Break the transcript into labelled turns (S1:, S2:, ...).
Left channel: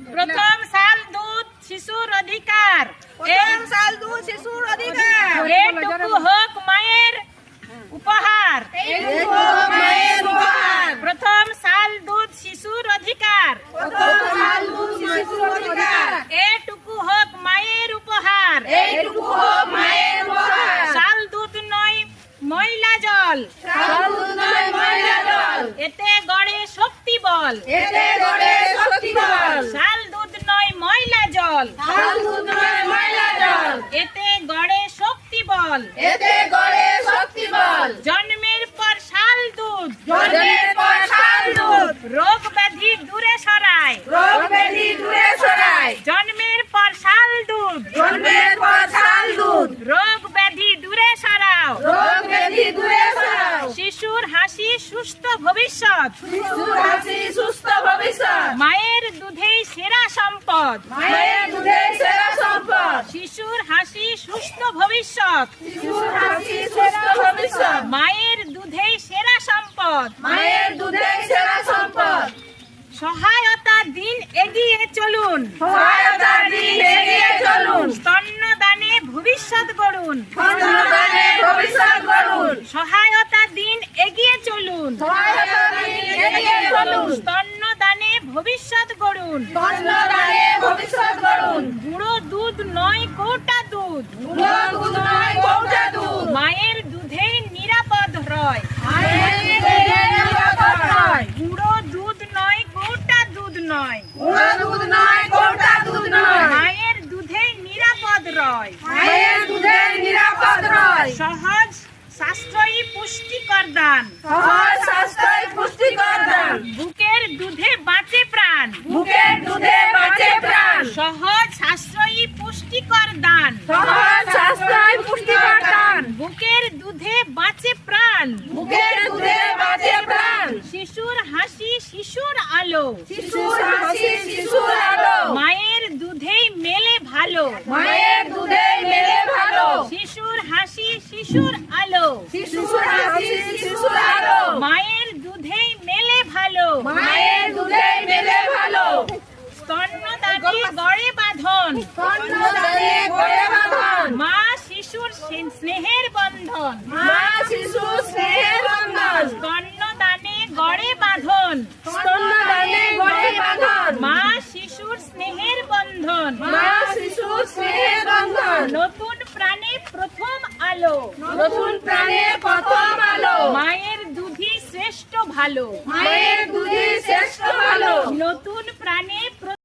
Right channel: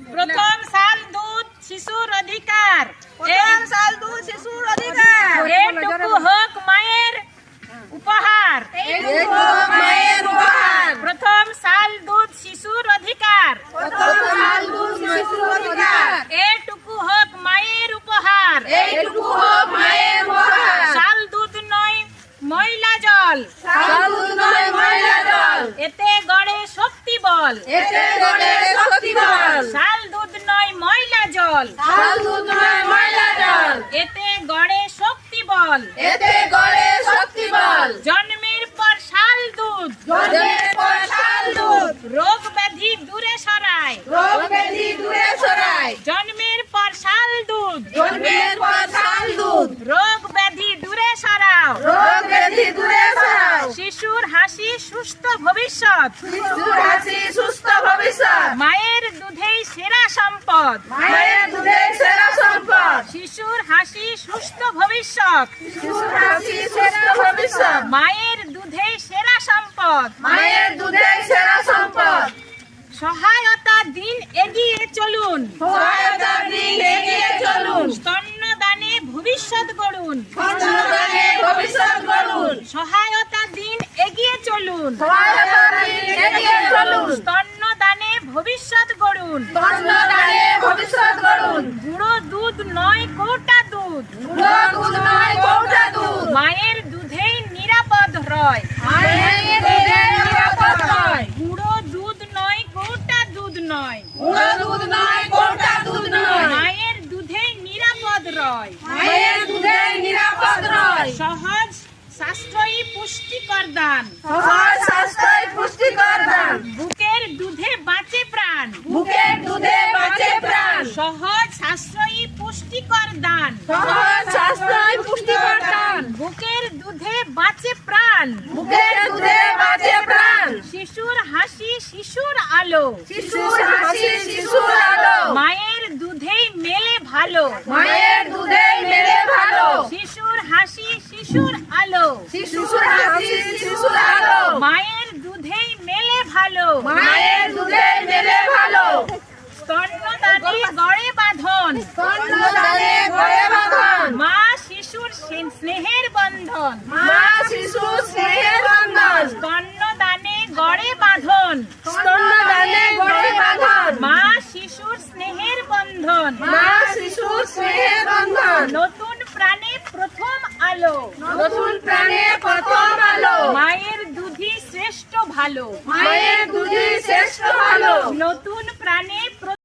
S1: প্রথম সাল দুধ শিশুর অধিকার, এটুকু হোক মায়ের উপহার। প্রথম সাল দুধ শিশুর অধিকার, এটুকু হোক মায়ের উপহার। শাল দুধ নয় ময়লা জল, এতে গড়ে শক্তি বল। শাল দুধ নয় ময়লা জল, এতে গড়ে শক্তি বল। জন্মের পর শাল দুধ রোগ ব্যাধি দূরে সরায়। জন্মের পর শাল দুধ রোগ ব্যাধি দূরে সরাও। শিশুর হাসি সুস্থ ভবিষ্যৎ, মায়ের দুধেই সেরা সম্পদ। শিশুর হাসি সুস্থ ভবিষ্যৎ, মায়ের দুধেই সেরা সম্পদ। সহায়তা দিন এগিয়ে চলুন, স্তন্যদানে ভবিষ্যৎ গড়ুন। সহায়তা দিন এগিয়ে চলুন, স্তন্যদানে ভবিষ্যৎ গড়ুন। গুঁড়ো দুধ নয় কৌটা দুধ, মায়ের দুধেই নিরাপদ রয়। গুঁড়ো দুধ নয় কৌটা দুধ নয়, মায়ের দুধেই নিরাপদ রয়। সহজ সাশ্রয়ী পুষ্টিকর দান, বুকের দুধে বাঁচে প্রাণ। সহজ সাশ্রয়ী পুষ্টিকর দান, বুকের দুধে বাঁচে প্রাণ। শিশুর হাসি শিশুর আলো, মায়ের দুধেই মেলে ভালো। শিশুর হাসি শিশুর আলো, মায়ের দুধেই মেলে ভালো। স্তন্যদানে গড়ে বাঁধন, মা শিশুর স্নেহের বন্ধন। স্তন্যদানে গড়ে বাঁধন, মা শিশুর স্নেহের বন্ধন। নতুন প্রাণে প্রথম আলো, মায়ের দুধই শ্রেষ্ঠ ভালো। নতুন